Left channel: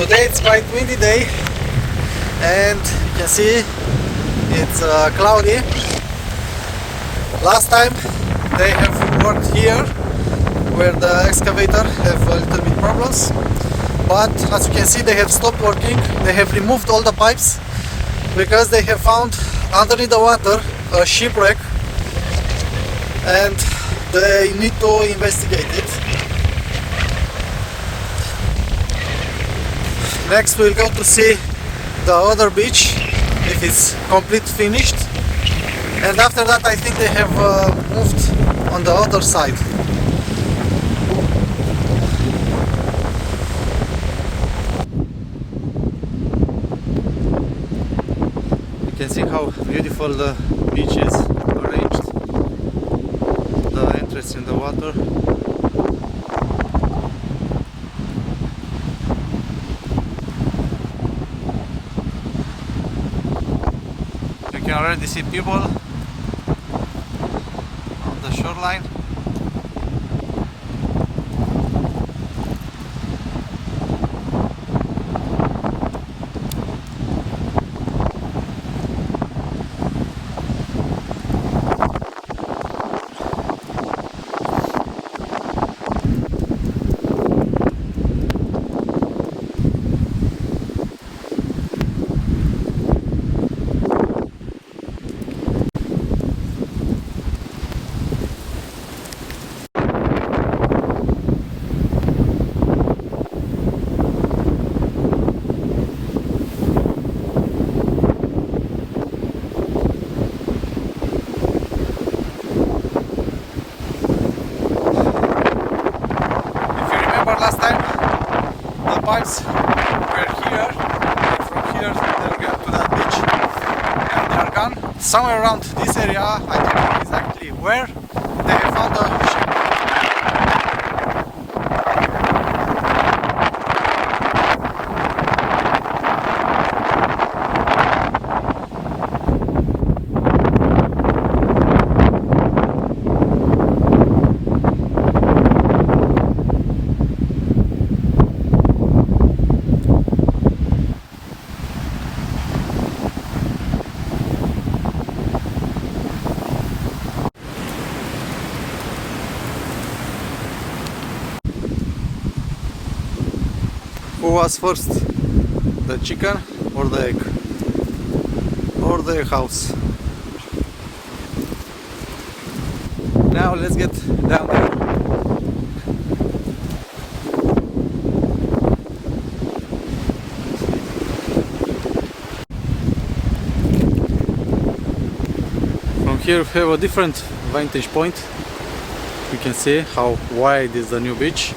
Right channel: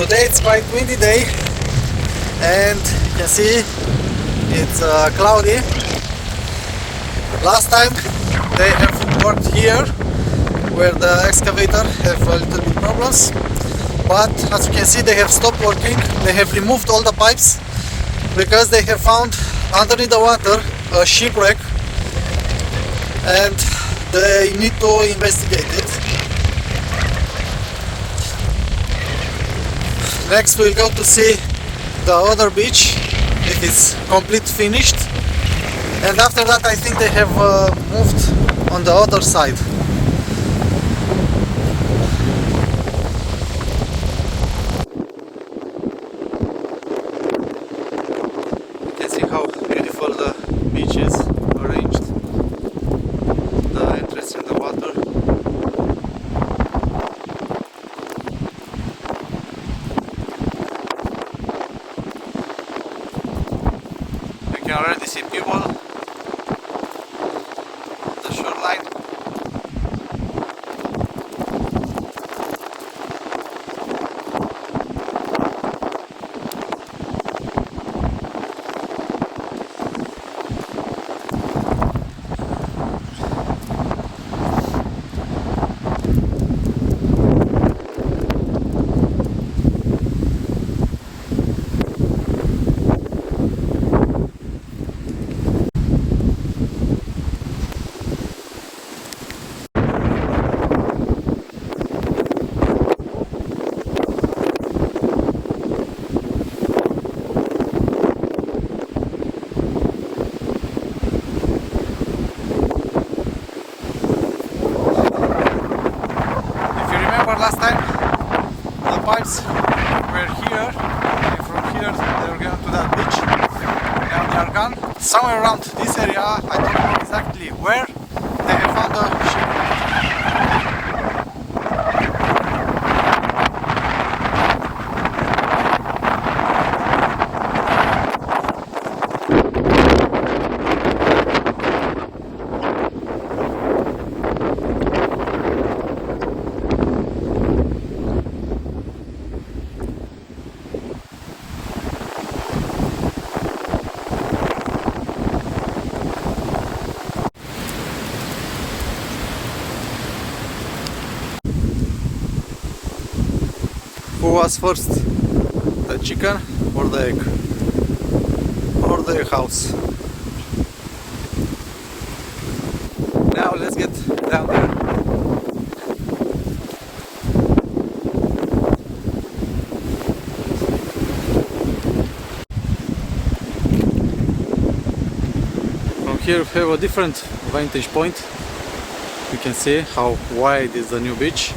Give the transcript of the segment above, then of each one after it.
Today it's quite windy day, and you can see it's cloudy. Last time they have worked here where the excavator have a little bit problems, but as you can see they have stopped working. They have removed all the pipes because they have found underneath the water a shipwreck and they need to investigate it. Next we'll go to see the other beach if it's complete finished, and after that I think they have moved on the other side. You can see how beautiful the beach is arranged, the entrance in the water. You can already see people on the shoreline. Last time the pipes were here, and from here they were going to that beach, and they are gone somewhere around this area. I don't know exactly where. They have found a ship. Who was first, the chicken or the egg, or the house? Now let's get down there. From here we have a different vantage point. You can see how wide is the new beach.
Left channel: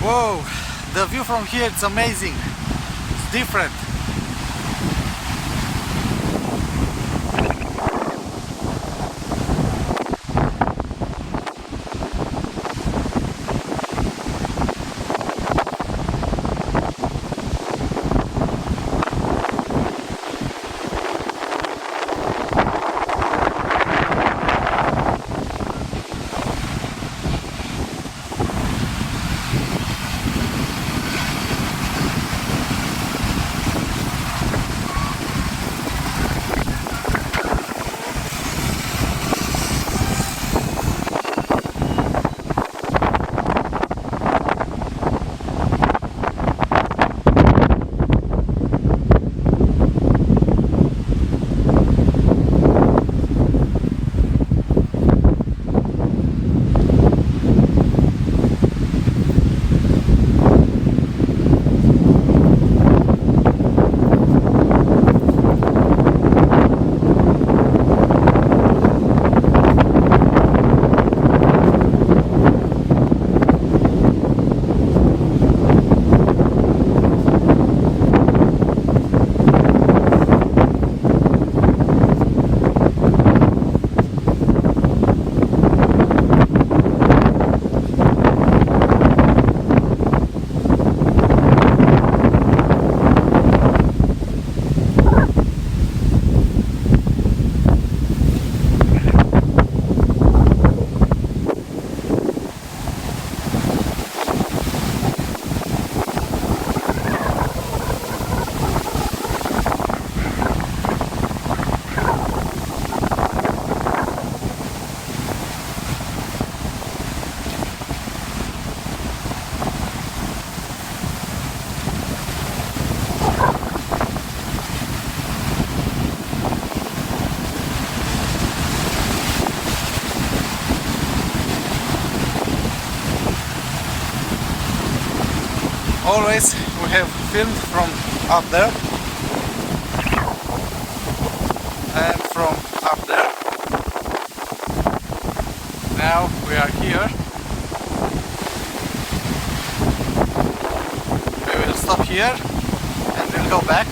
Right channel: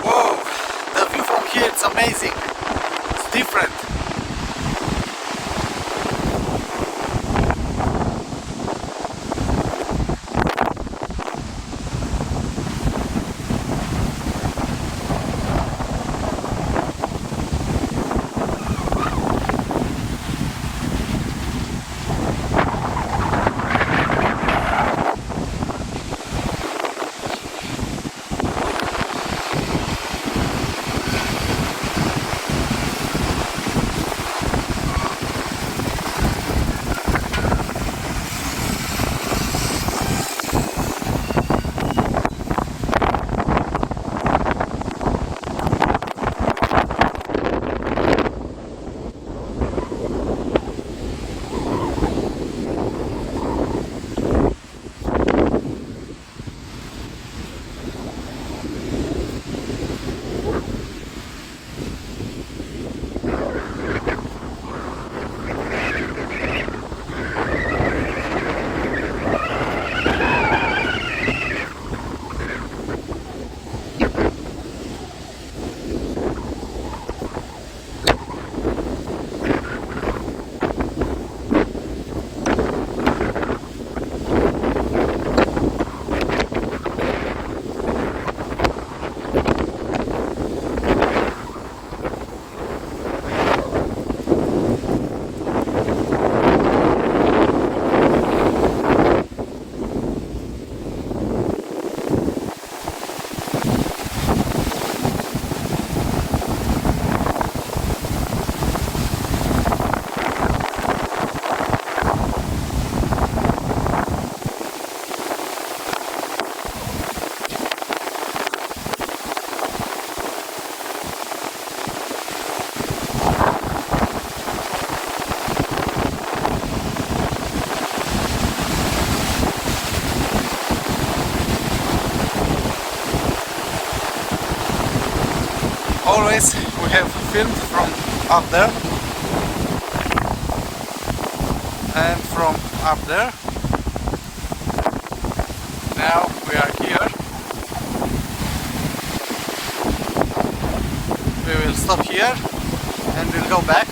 Whoa, the view from here is amazing. It's different. always we have filmed from up there and from up there. Now we are here. We will stop here and we'll go back.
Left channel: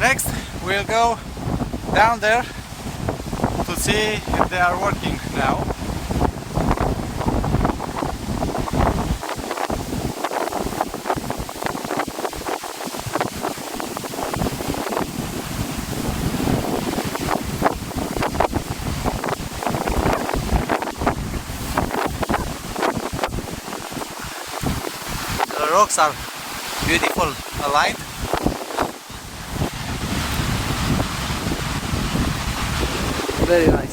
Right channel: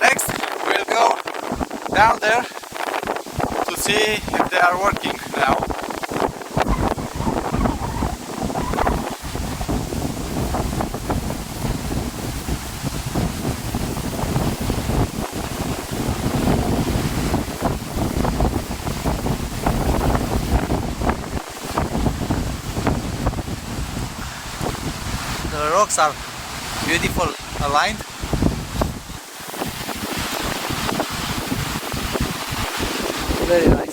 Next, we'll go down there to see if they are working now. The rocks are beautiful, aligned. Very nice.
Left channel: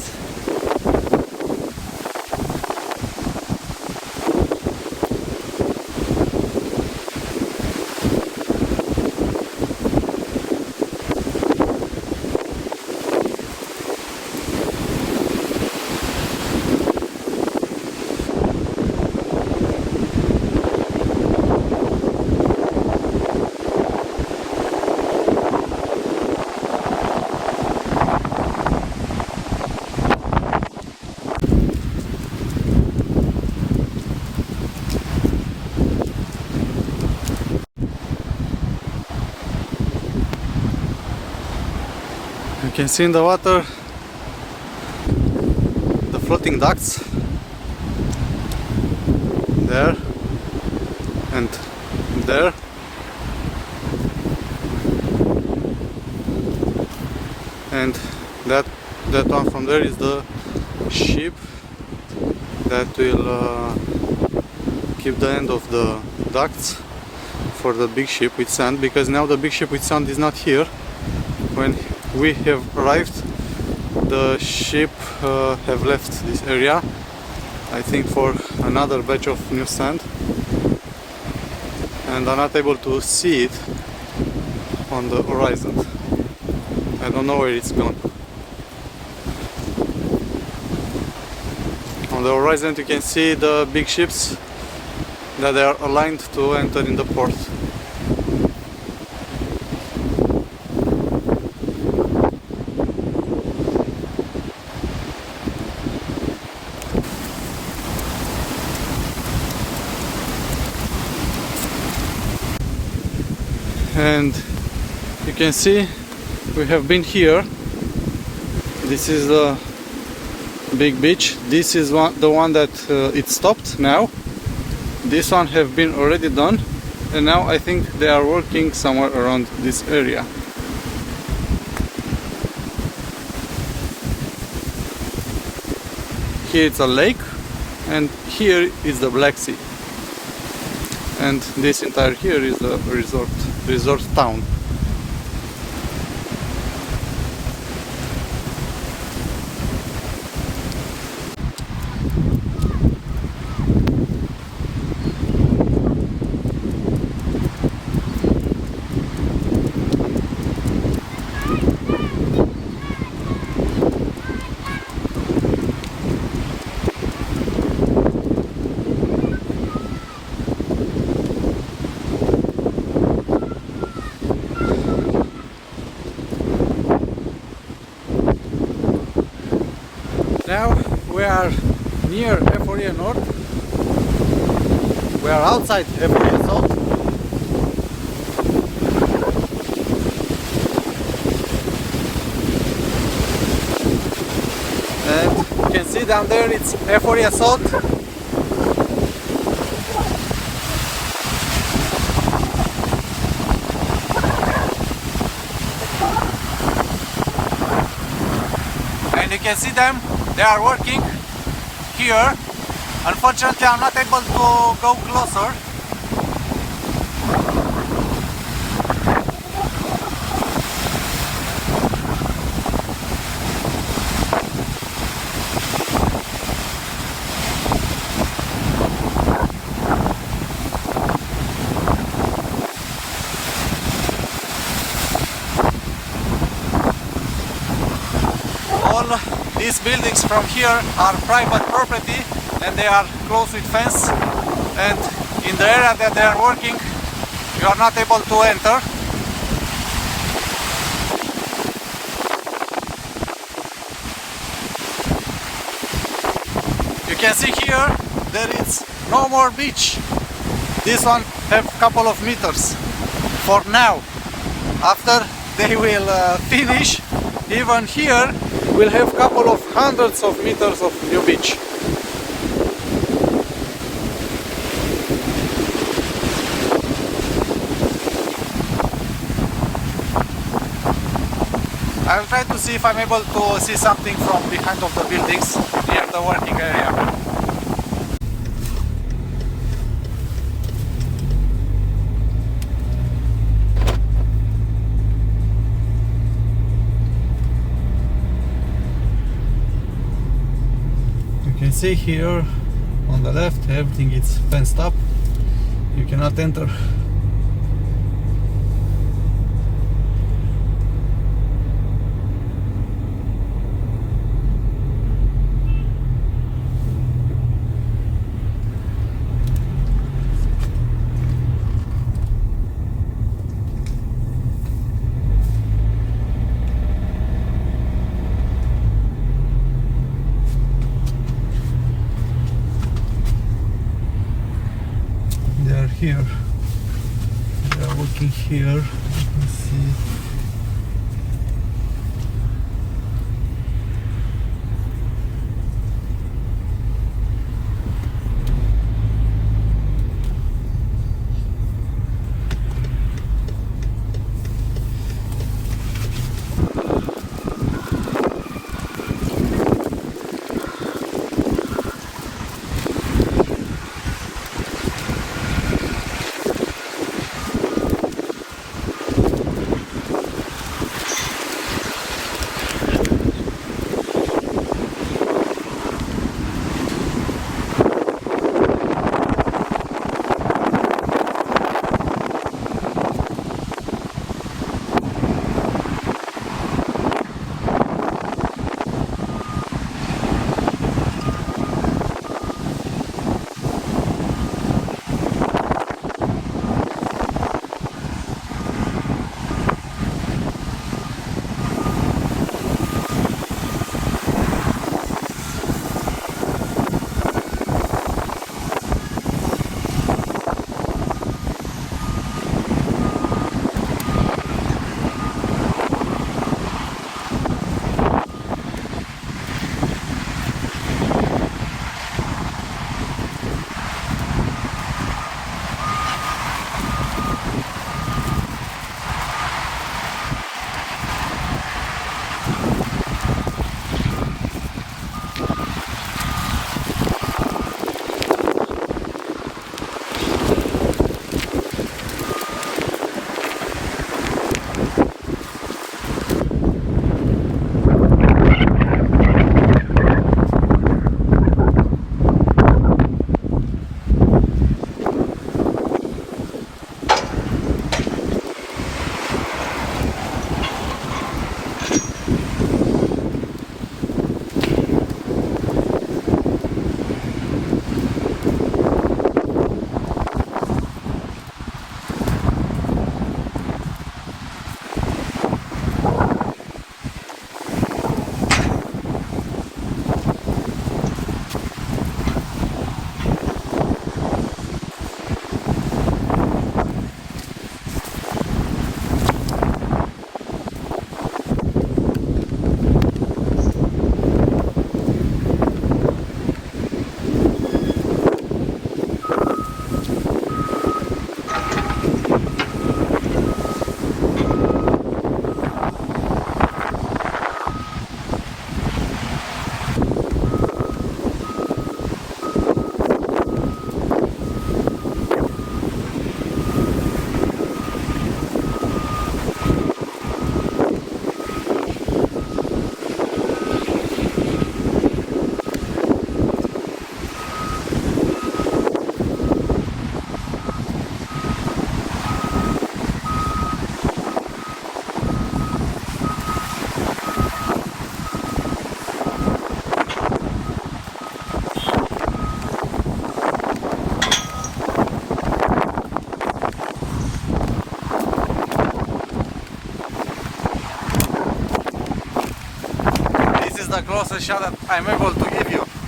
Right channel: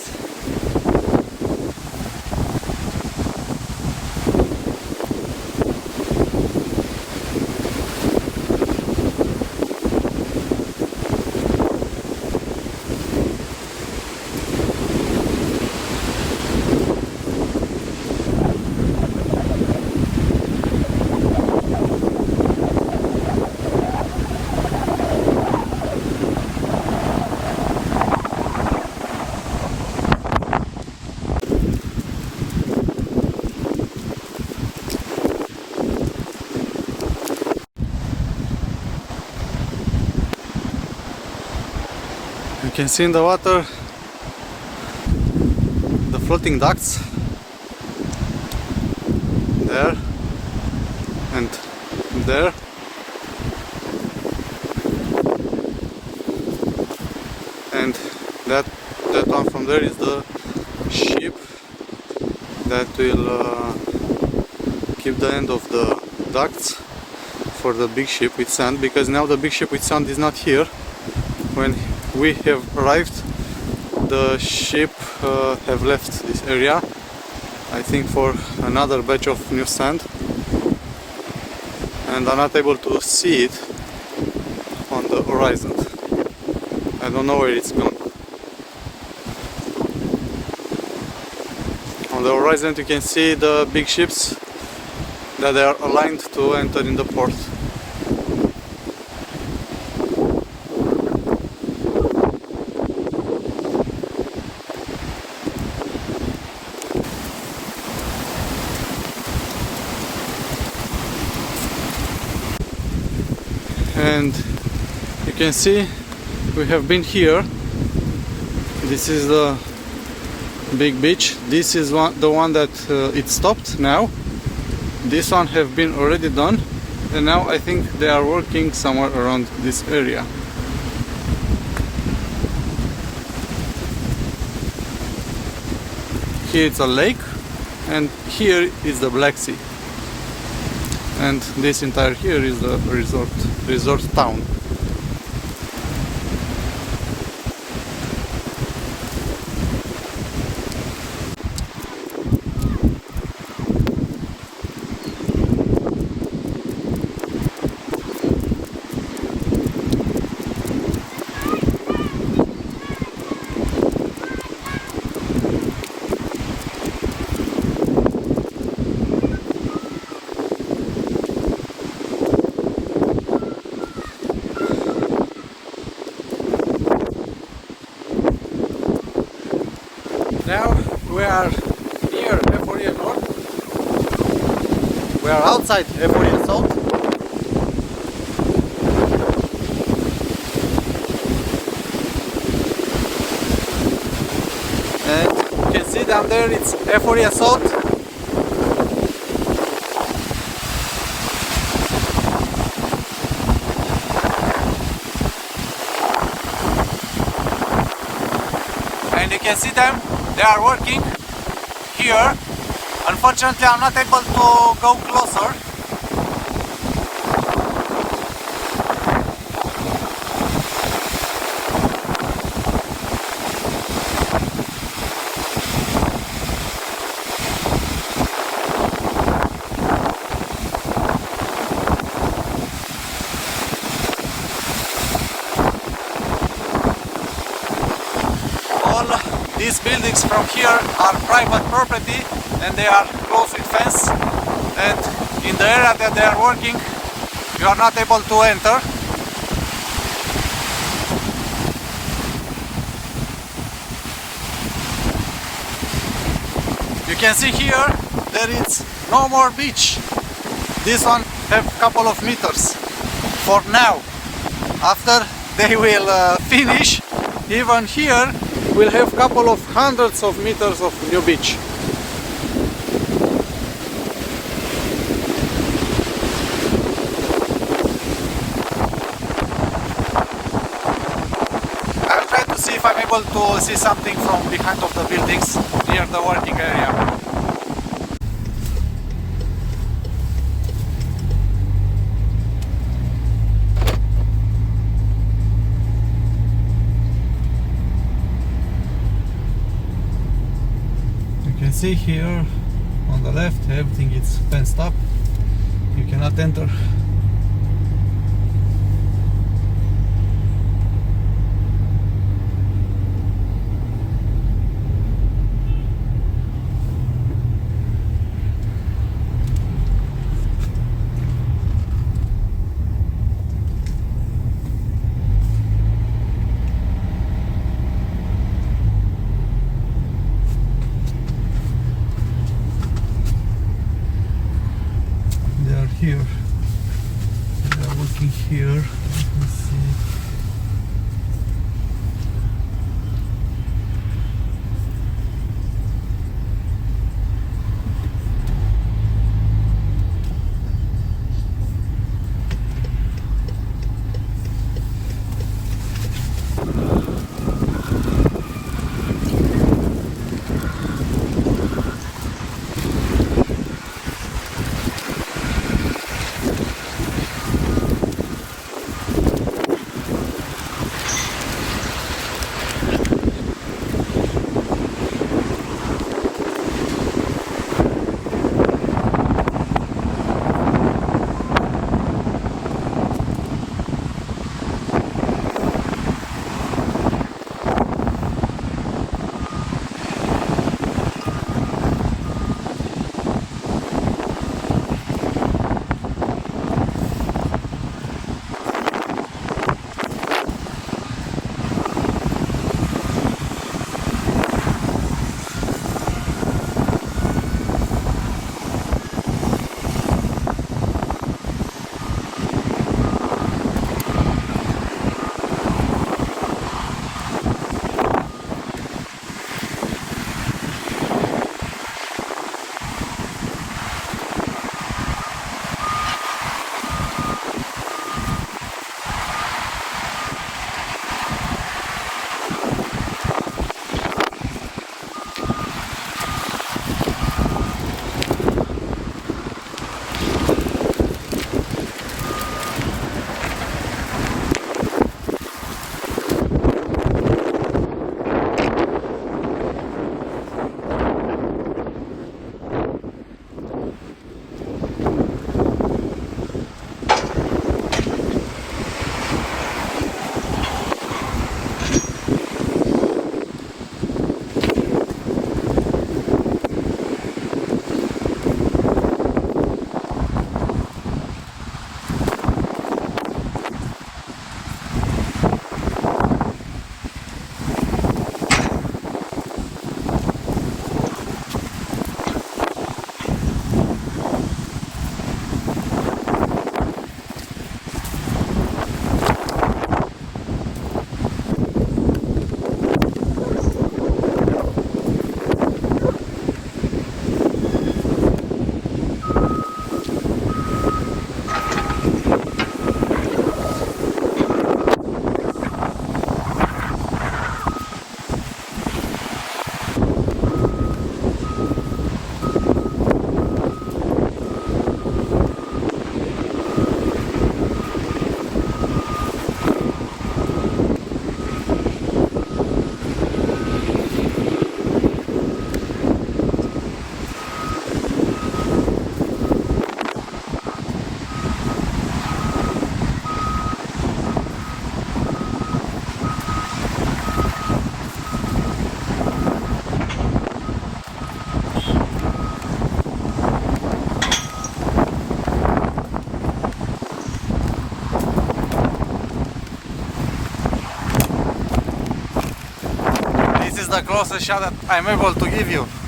You can see in the water the floating ducks there and there. And that one from there is the ship that will keep the end of the ducts for the big ship with sand, because now the big ship with sand is not here. When we have arrived, the ship have left this area, I think for another batch of new sand, and are not able to see it on the horizon. I don't know where it's gone. On the horizon you can see the big ships that they are aligned to enter in the port. And you can see we have been here. This is the big beach. This is the one that it stopped now. This one have been already done, and now I think they are working somewhere around this area. Here it's a lake, and here is the Black Sea. And this entire here is the resort town. Now we are near Eforie North. We are outside Eforie Sud. And you can see down there it's Eforie Sud. And you can see them. They are working here Unfortunately, I'm not able to go closer. All these buildings from here are private property and they are closed with fence, and in the area that they are working you are not able to enter. You can see here there is no more beach. This one have couple of meters for now. After they will finish, even here we'll have couple of hundreds of meters of new beach. I'll try to see if I'm able to see something from behind of the buildings near the working area. You can see here on the left everything is fenced up. You cannot enter. Here, they are working here. You can see. the closest shot that I'm able to give you.